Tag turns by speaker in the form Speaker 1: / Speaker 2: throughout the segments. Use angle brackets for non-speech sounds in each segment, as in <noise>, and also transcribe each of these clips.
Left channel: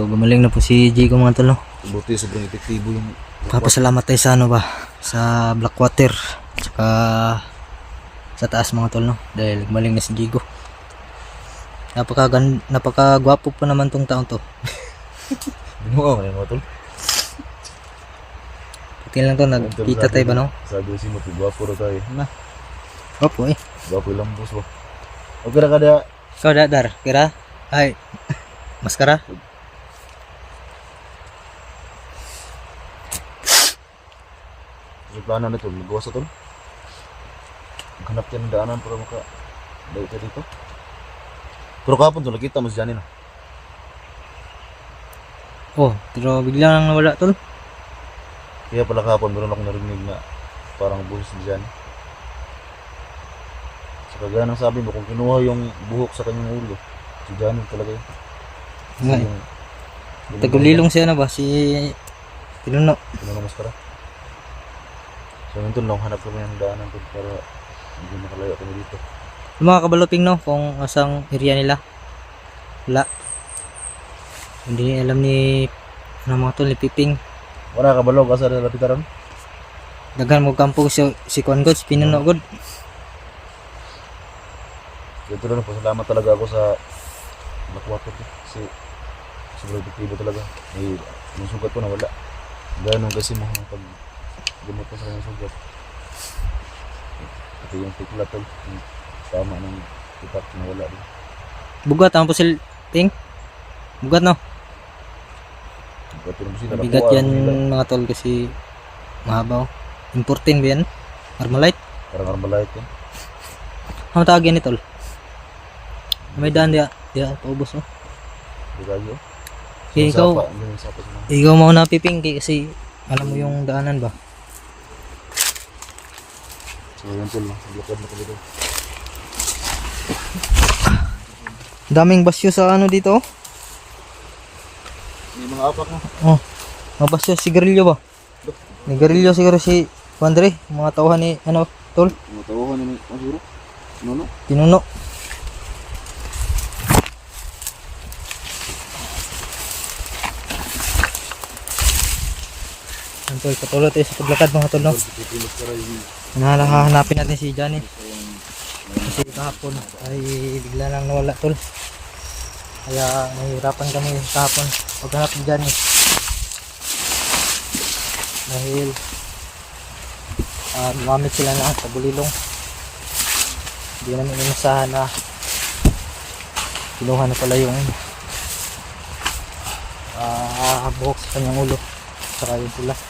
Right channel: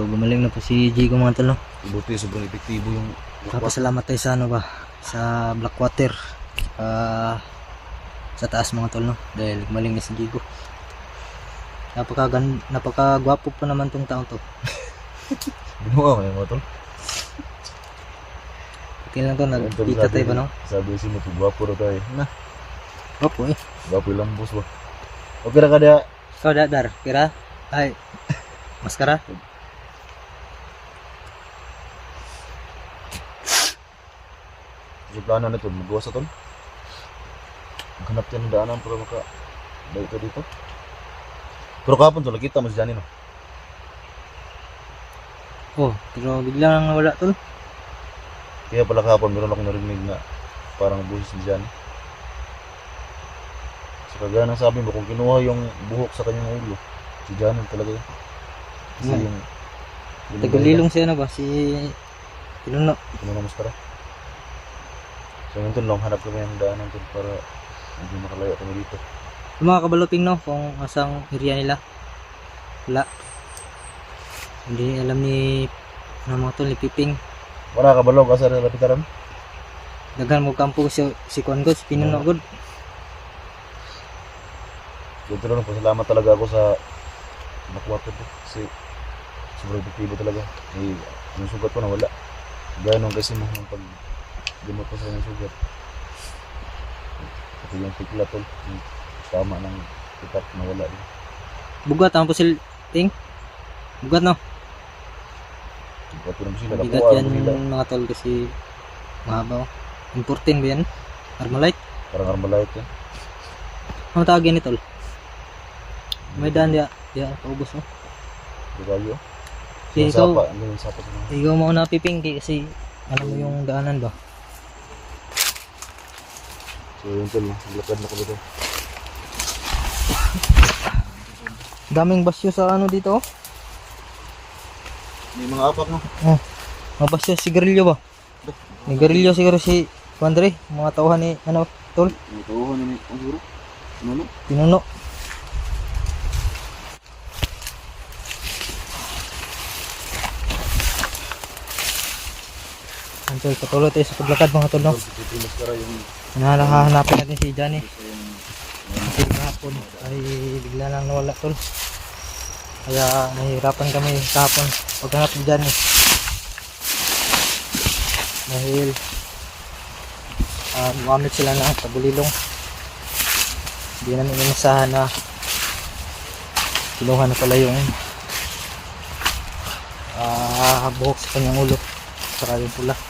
Speaker 1: So gumaling na po si Jigo mga tol no.
Speaker 2: Buti sobrang epektibo yung
Speaker 1: Papasalamat tayo sa ano ba sa Blackwater tsaka sa taas mga tol no dahil gumaling na si Jigo. Napaka napaka gwapo pa naman tong taon to. <laughs>
Speaker 2: Binuha ko yung mga tol.
Speaker 1: Okay lang to nagkita tayo ba no?
Speaker 2: Sabi si mo, gwapo raw tayo. Na,
Speaker 1: Gwapo eh.
Speaker 2: gwapo yung lambos ba. Okay ra ka.
Speaker 1: Ikaw dadar, kira? Ay. Maskara?
Speaker 2: So plano na to, magawa sa tol. Maghanap tayo ng daanan para maka balik ka dito. Pero kahapon tol, nakita mo si Johnny no?
Speaker 1: Oh, pero bigla nang nawala tol.
Speaker 2: Kaya pala kahapon meron akong narinig na parang buhis ni Johnny. Sa kagaya ng sabi mo, kung kinuha yung buhok sa kanyang ulo, si Johnny talaga yun. Kasi yung...
Speaker 1: Tagalilong siya na ba si Pinuno.
Speaker 2: Kinuha ng maskara. So yun nung hanap kami ng daanan tol para hindi makalayo kami dito.
Speaker 1: Yung mga kabaloping no, kung asang area nila. Wala. Hindi alam ni ano mga tol ni Piping.
Speaker 2: Wala ka balog asa na lapitaran?
Speaker 1: Daghan mo kampong si si Kwan God, si Pinuno God.
Speaker 2: Dito na pasalamat talaga ako sa Blackwater ko. Kasi sobrang epektibo talaga. Eh, yung sugat ko nawala. Ganon kasi mo ng pag gamot ko sa kanyang sugat. Pati yung tikla tol. Yung tama ng itak nawala din.
Speaker 1: Bugat ang pusil ting. Bugat no.
Speaker 2: Sugat ko na sila.
Speaker 1: Bigat yan
Speaker 2: sila.
Speaker 1: mga tol kasi mahabaw. Importing ba yan? Armalite?
Speaker 2: Parang armalite yan.
Speaker 1: Ano tawag yan ni tol? May daan dia, dia paubos oh.
Speaker 2: Di kayo.
Speaker 1: Eh,
Speaker 2: Yung
Speaker 1: ikaw,
Speaker 2: yung
Speaker 1: ikaw mo na Piping kasi alam mo yung daanan ba?
Speaker 2: So yun tol. Lakad na kami doon.
Speaker 1: Daming basyo sa ano dito oh.
Speaker 2: May mga apak no.
Speaker 1: Oh, mga basyo sigarilyo ba? Nigarilyo siguro si Andre, mga tauhan ni ano, tol,
Speaker 2: Mga tauhan siguro. Ano no?
Speaker 1: Pinuno. Antol, patuloy tayo sa paglakad mga tol, no? Hanahanapin natin si Johnny. Kasi kahapon ay bigla lang nawala tol. Kaya nahihirapan kami kahapon paghanap ni Johnny. Dahil uh, gumamit sila ng tabulilong. Hindi namin inasahan na kinuha na pala yung ah buhok sa kanyang ulo saka yung pula.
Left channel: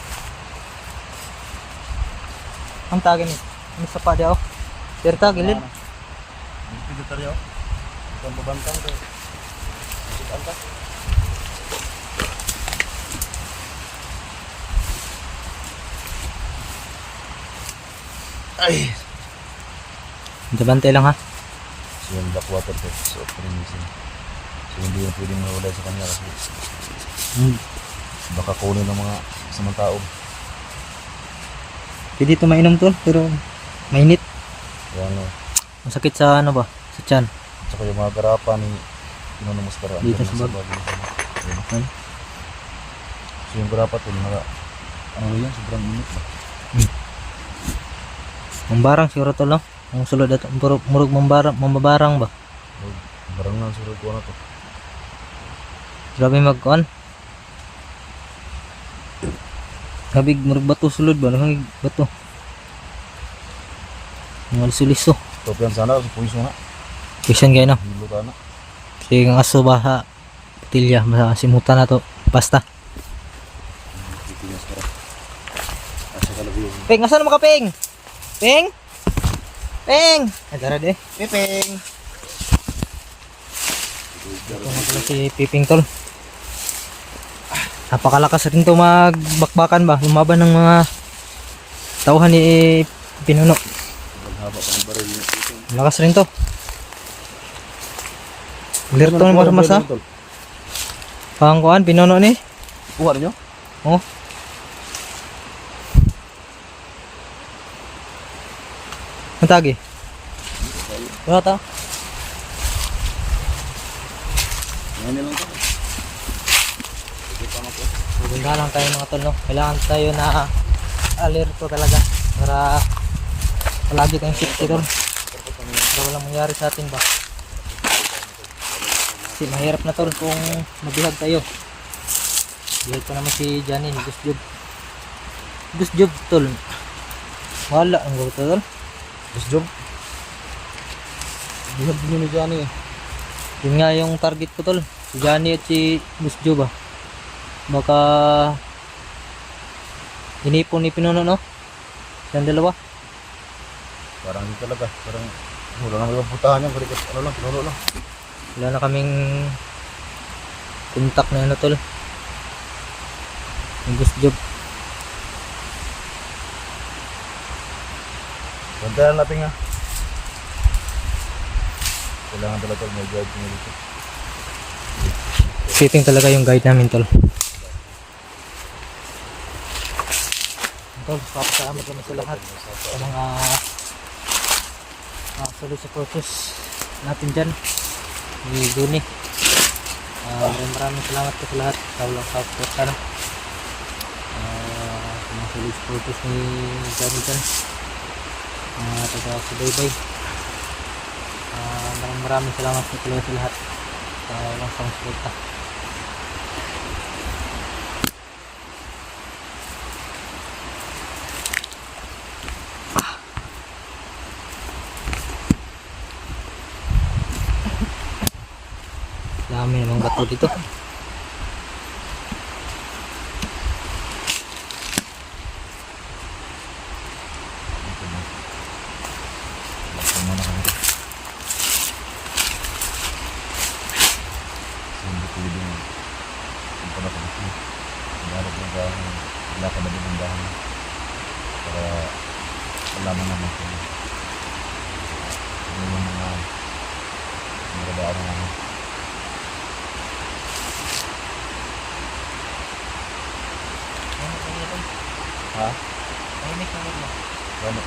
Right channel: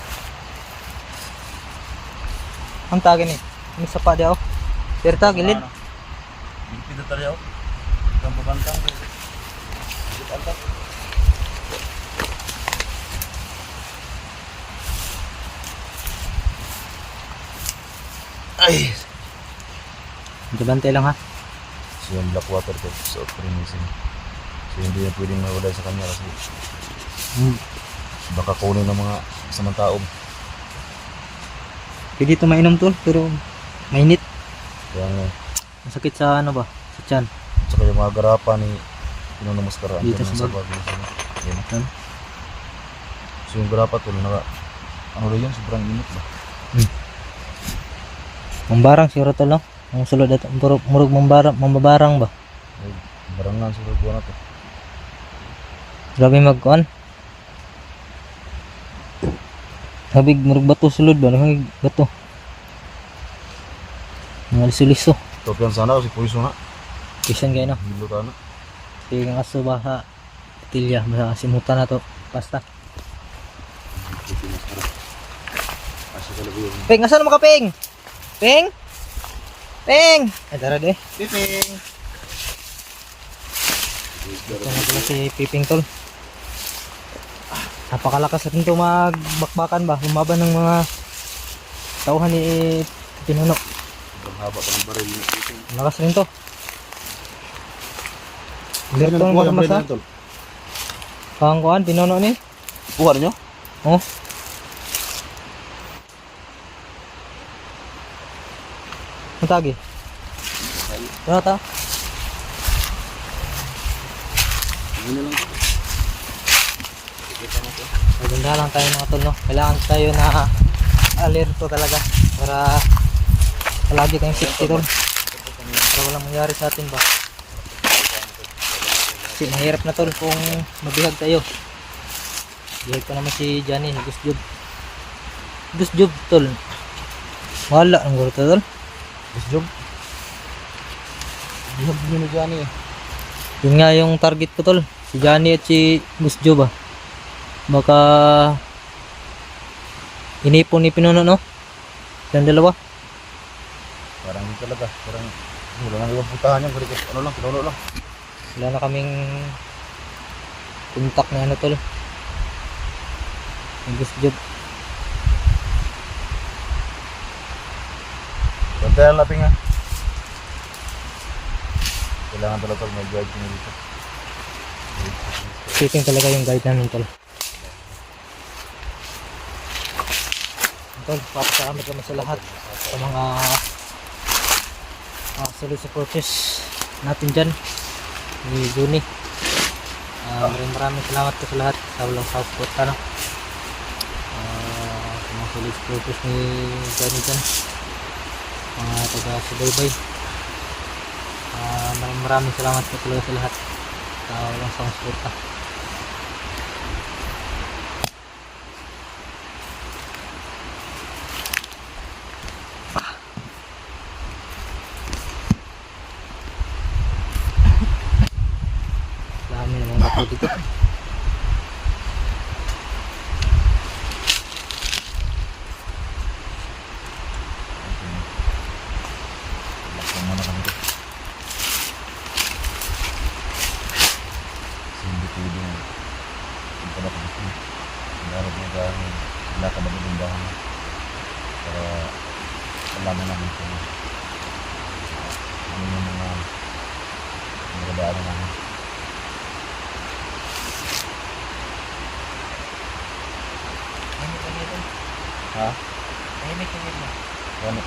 Speaker 1: Ang tagin eh. Ano sa pa daw? Perta, gilid.
Speaker 2: Hindi tayo. Ang babantang ko. Ay!
Speaker 1: Bantay lang ha.
Speaker 2: So yung Blackwater ko sa Primisin. So hindi na pwedeng mawala sa kanya kasi
Speaker 1: Hmm.
Speaker 2: baka kunin ng mga samang tao.
Speaker 1: Pwede ito mainom to, pero mainit.
Speaker 2: Kaya nga,
Speaker 1: Masakit sa ano ba? Sa tiyan.
Speaker 2: tsaka yung mga garapa ni Pino na Maskara.
Speaker 1: Dito sa bag.
Speaker 2: bago sa ano. Yan.
Speaker 1: Yan.
Speaker 2: So yung garapa to, mga, ano ba yun, sobrang init ba?
Speaker 1: Mambarang siguro to lang. Ang sulod ato, murug, murug mambarang, mambabarang ba?
Speaker 2: O, barangan surod ko na to.
Speaker 1: Grabe magkuan. Grabe murug bato sulod ba? Nang bato. Mga liso-liso.
Speaker 2: Topian sana kasi puwiso na.
Speaker 1: Kisyan
Speaker 2: ka na.
Speaker 1: Sige ang aso ba ha? Patilya, masimutan na to. Basta. Peng, asan mo ka, Peng? Peng? Peng! Ay, tara de. Piping! Ito na pala si Piping tol. Napakalakas rin to magbakbakan ba? Lumaban ng mga tauhan ni Pinuno.
Speaker 2: haba pa ng baril. Ito.
Speaker 1: Lakas rin to. Dirto ng mga masa. Pang kuhan, Pinuno ni.
Speaker 2: Kuha ninyo?
Speaker 1: Oh. Ang tagi? Ito ta.
Speaker 2: Ngayon lang to.
Speaker 1: Maganda lang tayo mga tol, no? Kailangan tayo na alerto talaga para palagi tayong safety tol. Para walang mangyari sa atin ba. Kasi mahirap na tol kung mabihag tayo. Bihag pa naman si Johnny, Gus Job. Gus Job tol. Wala ang gulo tol.
Speaker 2: Gusto job? Bihag nyo ni Johnny.
Speaker 1: Yun nga yung target ko tol. Si Johnny at si Gus Job ah. Baka inipon ni Pinuno no? Yung dalawa.
Speaker 2: Parang hindi talaga. Parang wala nang ibang putahan yan. Kundi ano lang, pinuno lang.
Speaker 1: Wala na kaming contact na ano tol. Gus Job.
Speaker 2: Bantayan natin nga. Kailangan talaga may guide nyo dito.
Speaker 1: Sitting talaga yung guide namin tol. Tol, papasalamat naman sa lahat sa mga uh, solid supporters natin dyan ni Juni. Uh, maraming maraming salamat po sa lahat sa walang support ano. Uh, sa mga solid supporters ni Johnny dyan. Mga taga subaybay. Uh, maraming maraming salamat po talaga sa lahat sa walang support Dami bato dito.
Speaker 2: Laksan muna kami dito. Kasi hindi pwede. Para malaman namin kung ano yung mga.
Speaker 1: Tahimik.
Speaker 2: Ha?
Speaker 1: Tahimik lang yun.
Speaker 2: Ano?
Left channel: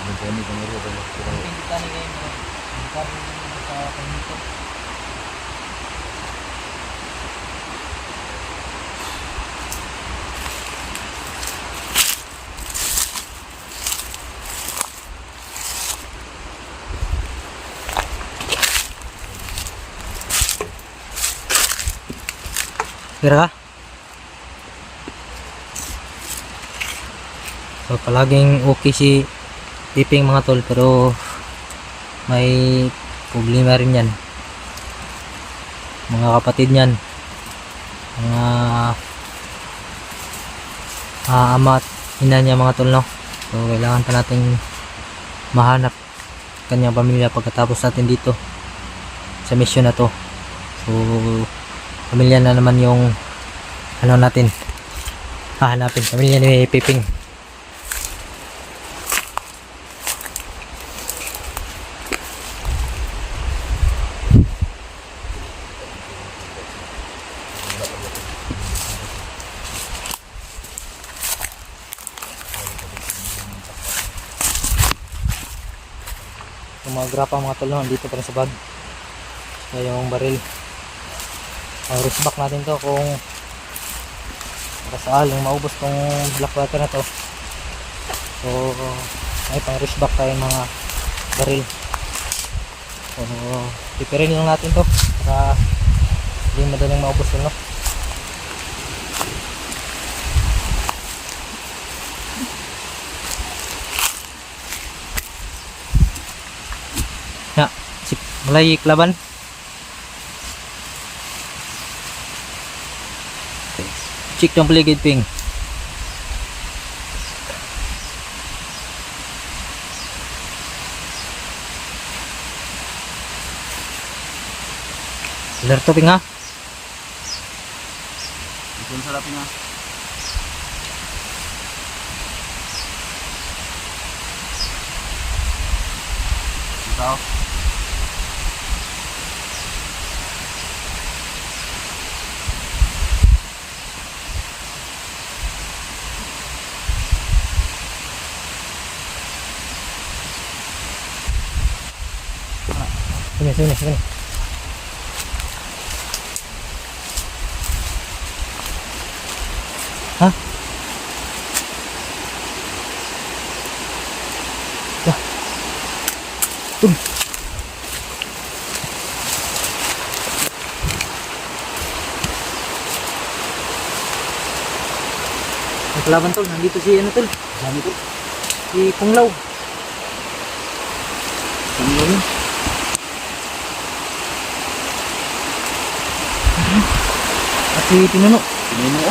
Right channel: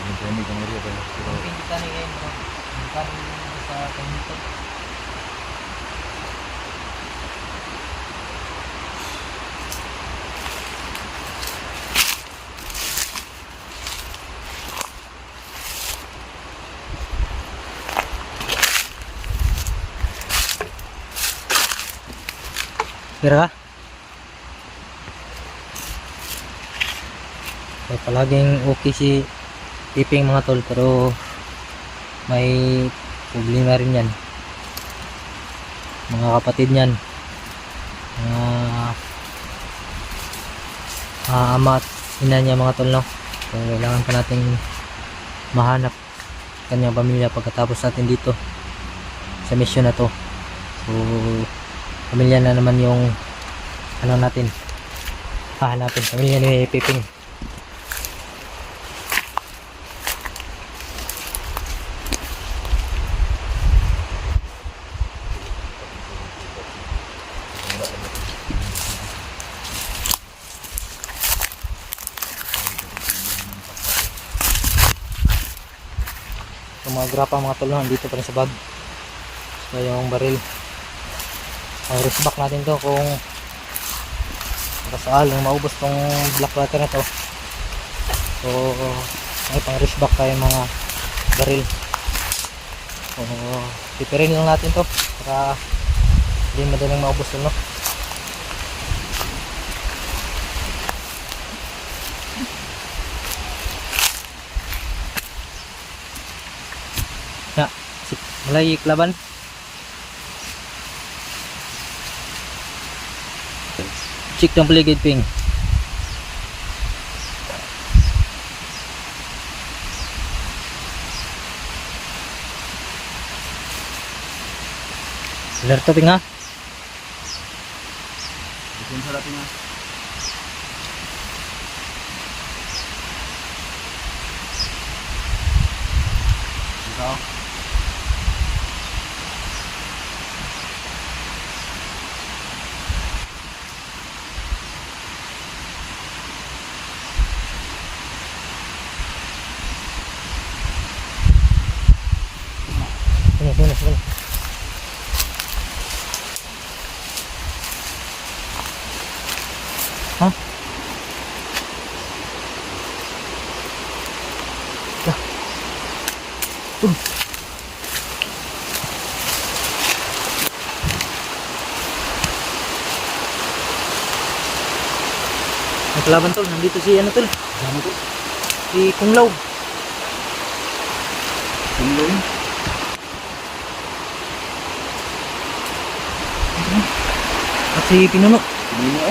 Speaker 2: Yung training kang area pero pero
Speaker 1: Ang pinditan ni kayo mga kami sa pangito. Pira ka? So palaging okay si Piping mga tol pero may problema rin yan. Mga kapatid niyan. Mga ah, ama at ina niya mga tol no. So kailangan pa nating mahanap kanyang pamilya pagkatapos natin dito sa mission na to. So pamilya na naman yung ano natin hahanapin pamilya ni Piping yung mga grapa mga tol dito pa rin sa bag. So yung baril. Ang back natin to kung makasaaling maubos tong black water na to. So may pang wrist back tayo mga baril. So pipirin lang natin to para hindi madaling maubos to no mulai laban Check ng paligid ping. Alerto ping ha.
Speaker 2: Isin sa natin nga.
Speaker 1: Sini, sini, sini. Hah? Wah. Tum. Kalaban tol, nandito si ano tol?
Speaker 2: Dami tol.
Speaker 1: Si Kunglaw. Kunglaw. Si Pinuno.
Speaker 2: Ano mo?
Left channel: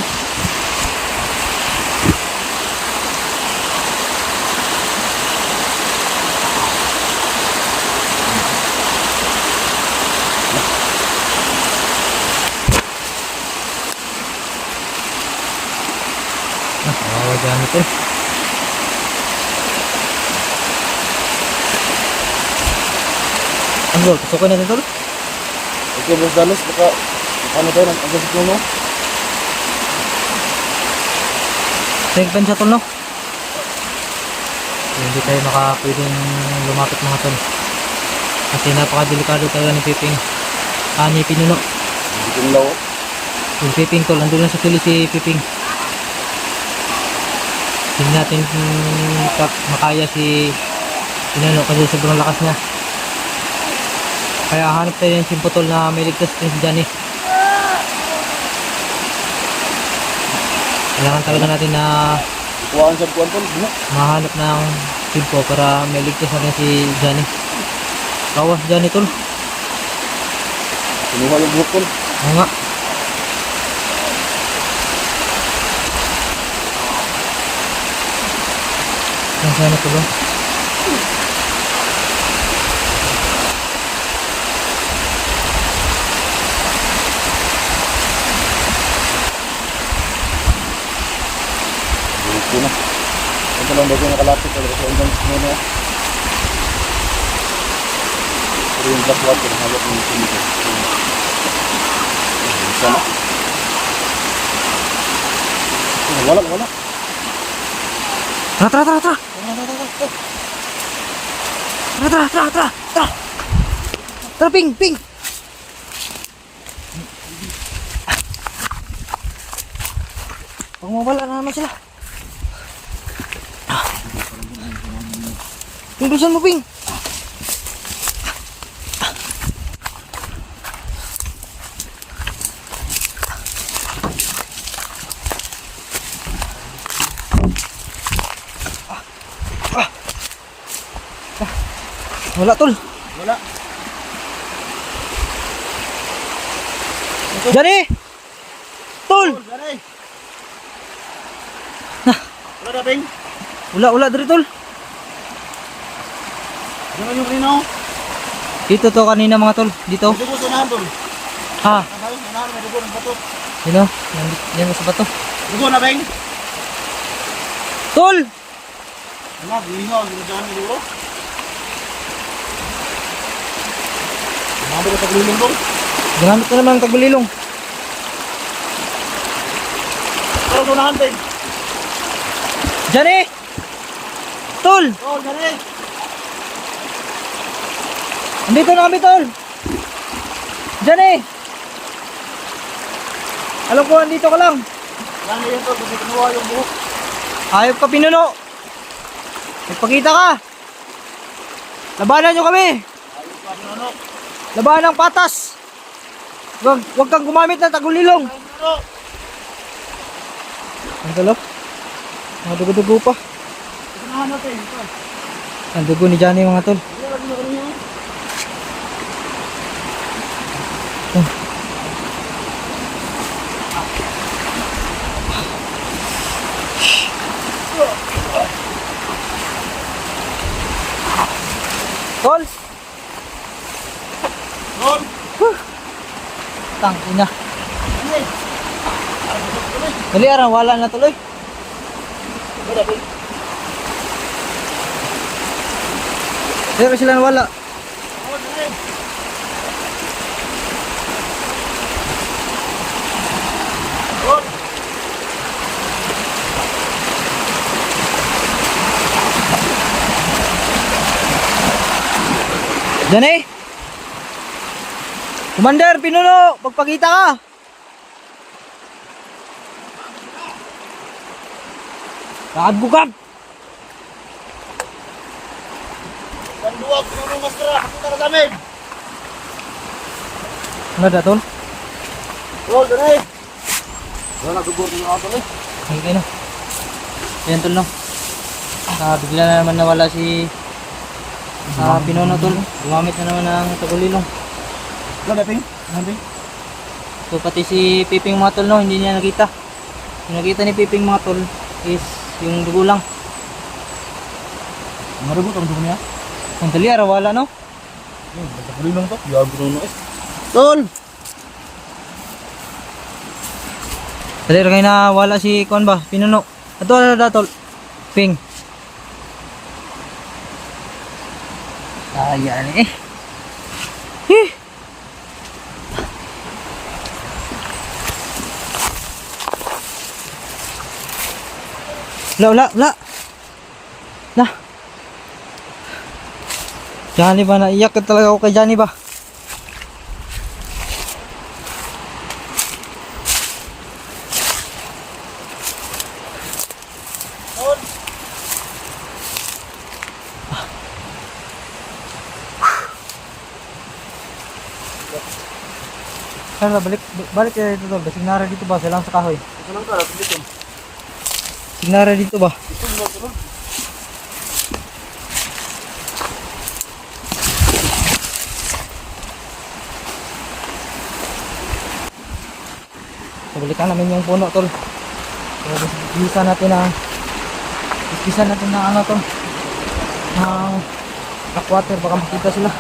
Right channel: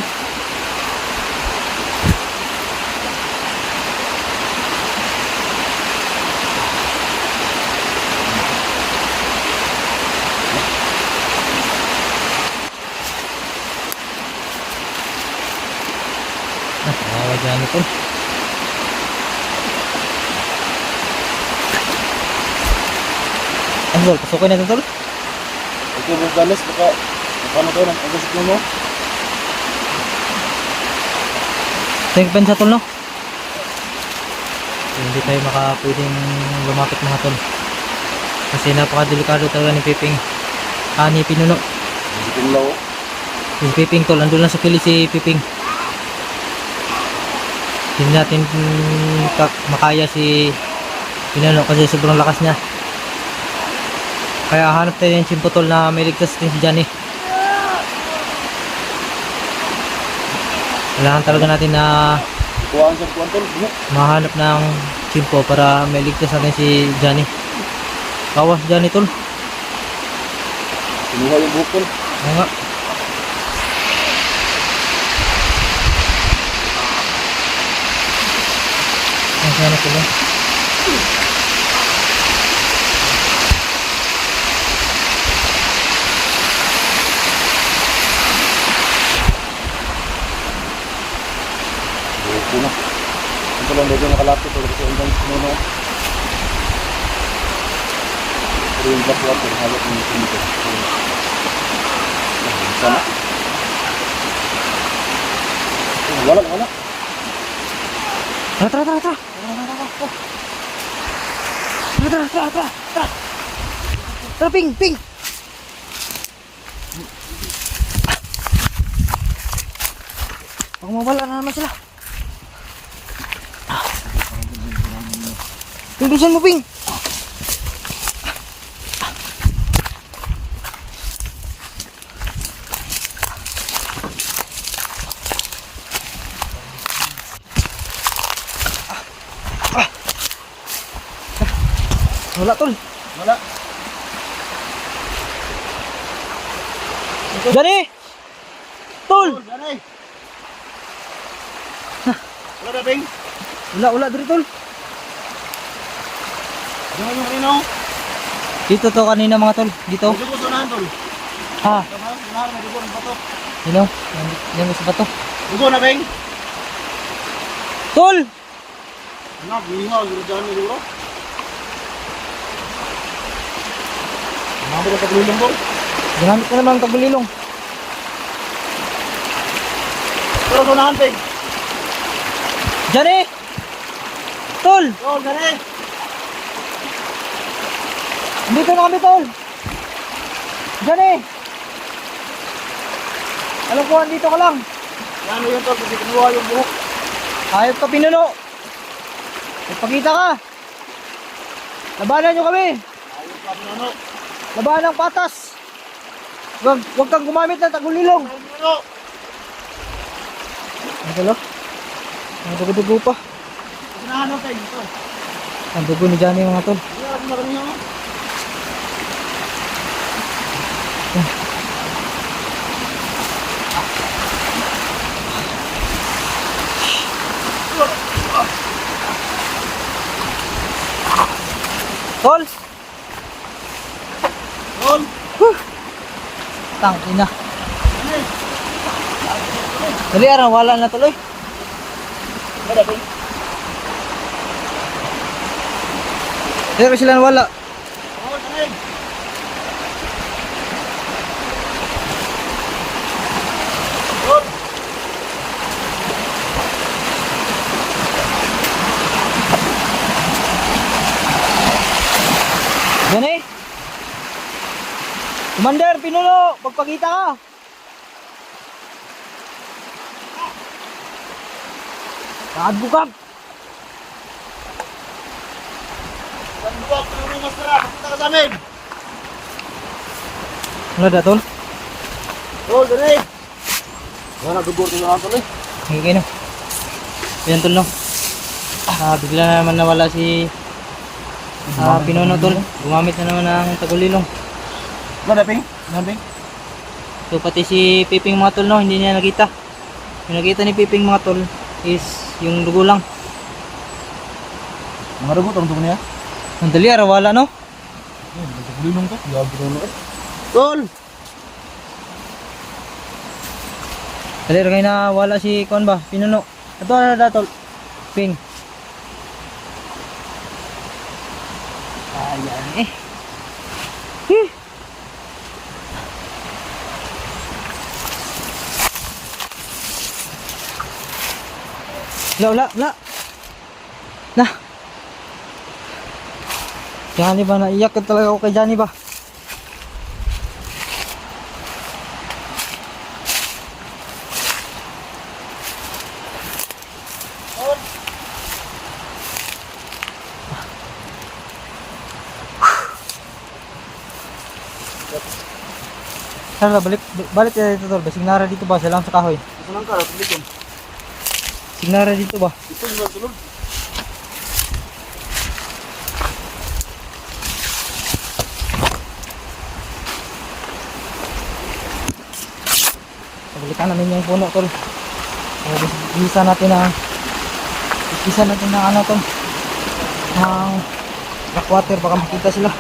Speaker 1: Ah, kawawa dyan na tol. Ano tol, pasukin natin tol?
Speaker 2: Okay, Boss Dallas, baka paano tayo ng agad mo?
Speaker 1: Tank ban sa tol no? So, hindi tayo maka pwedeng lumapit mga tol. Kasi napakadelikado talaga ni Piping. Ah, ni Pinuno.
Speaker 2: Hindi ko nilaw.
Speaker 1: Yung Piping tol, andun lang sa kilis si Piping. Hindi natin ka- makaya si Pinuno kasi sobrang lakas niya. Kaya hanap tayo ng simpo tol na may ligtas din si Johnny. Kailangan talaga natin na mahanap ng simpo para may ligtas natin si Johnny. Kawas Johnny tol.
Speaker 2: Kinuha yung buhok tol.
Speaker 1: Oo nga. Ang sana ko ba?
Speaker 2: Buhok ko na. Ito lang yung nakalapit tol. Kasi hanggang muna. Pero yung black water, halap ng kumito. Sana. Wala, wala.
Speaker 1: Tara, tara, tara! Tara, tara, tara, tara! Tara! Tara, ping, ping! Baka mawala na naman sila. Ping, bilisan mo, ping! Wala, tol.
Speaker 2: Wala.
Speaker 1: Dari! Tol!
Speaker 2: Dari. Wala na, Peng.
Speaker 1: Wala, wala, dari, tol.
Speaker 2: Ano yung kanino?
Speaker 1: Dito to kanina mga tol. Dito.
Speaker 2: Hindi ko sunahan, tol.
Speaker 1: Ha?
Speaker 2: Sunahan, may dugo ng batot.
Speaker 1: Yun o. Yan, yan sa bato.
Speaker 2: Dugo na, Peng.
Speaker 1: Tol!
Speaker 2: Ano, gihingaw, ginagawa ni Dugo. Mga ba na paglulong, tol?
Speaker 1: Ginamit ko naman tagulilong.
Speaker 2: Tol, sunahan, Peng.
Speaker 1: Diyan eh! Tol!
Speaker 2: Tol, dari.
Speaker 1: Andito na kami, tol! Diyan eh! Alam ko, andito ka lang.
Speaker 2: Ano yun, tol? Kasi kinuha yung buhok.
Speaker 1: Hayop ka, pinuno! Magpakita ka! Labanan nyo kami!
Speaker 2: Ayos ka, ano?
Speaker 1: Labanan ng patas! Wag, wag kang gumamit ng tagulilong!
Speaker 2: Ano?
Speaker 1: Ang tolo? Mga dugo-dugo pa.
Speaker 2: Sunahan natin, tol.
Speaker 1: Ang dugo ni Johnny mga tol.
Speaker 2: Hindi alam na kanino.
Speaker 1: Tol!
Speaker 2: Tol,
Speaker 1: Tang ina.
Speaker 2: dari.
Speaker 1: Dali araw, wala na tuloy. Pero sila wala. Commander, pinuno! Pagpakita ka!
Speaker 2: Buwak, yung mga sara, punta ka sa amin.
Speaker 1: Ano da, tol?
Speaker 2: Tol, dali. Wala, dugo na ako eh.
Speaker 1: Kayo, no? Ayan, tol, no? Ah, bigla na naman nawala si ah, Pinono, tol. Gumamit na naman ng tagulilong.
Speaker 2: Wala, Ping? Wala, Ping?
Speaker 1: So, pati si Piping mga tol, no? Hindi niya nakita. Yung nakita ni Piping mga tol is yung dugo lang.
Speaker 2: Mga dugo, tong dugo niya.
Speaker 1: Ang dali, ara, wala, no?
Speaker 2: Hmm, nagpapulilong to. Yabi na eh. Tol!
Speaker 1: Dali, ra na wala si Kuan ba? Pinuno. Ato, ano da, tol? Ping. Ayan eh. La, la, la. Na. Johnny ba, naiyak ka talaga ako kay Johnny ba? Tara, balik, balik tayo dito tol. Signara dito ba? Silang sa kahoy.
Speaker 2: Ito lang ka, dito.
Speaker 1: Signara dito ba?
Speaker 2: Ito lang, tulog.
Speaker 1: Balikan namin yung puno tol. Bisa natin na bisa natin na ano tol. Ng backwater baka makita sila.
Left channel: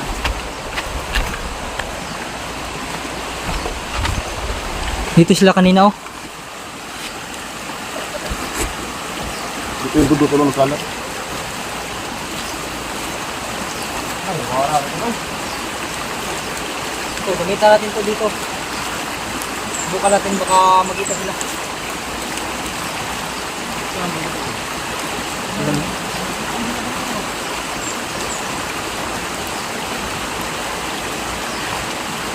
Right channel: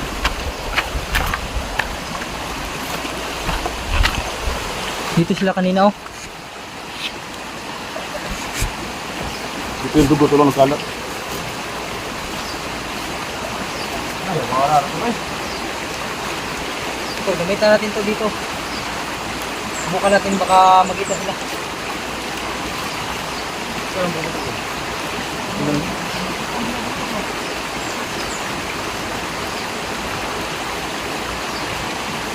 Speaker 1: Dito sila kanina oh.
Speaker 2: Ito yung dugo, tulong kalat.
Speaker 1: Ito, gamitan natin to dito. Subukan natin baka makita sila. Ito lang dito.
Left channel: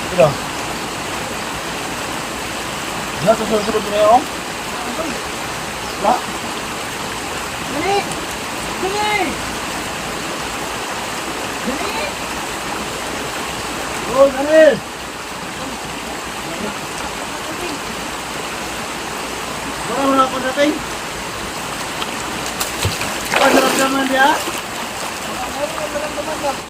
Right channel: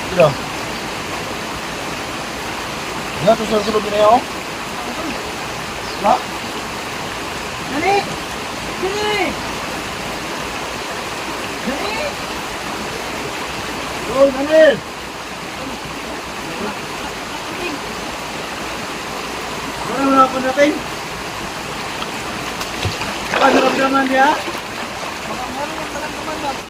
Speaker 2: Ito lang. Yan, susunod-sunod na yun. Wala?
Speaker 1: Dali! Dali! Dali!
Speaker 2: Tol,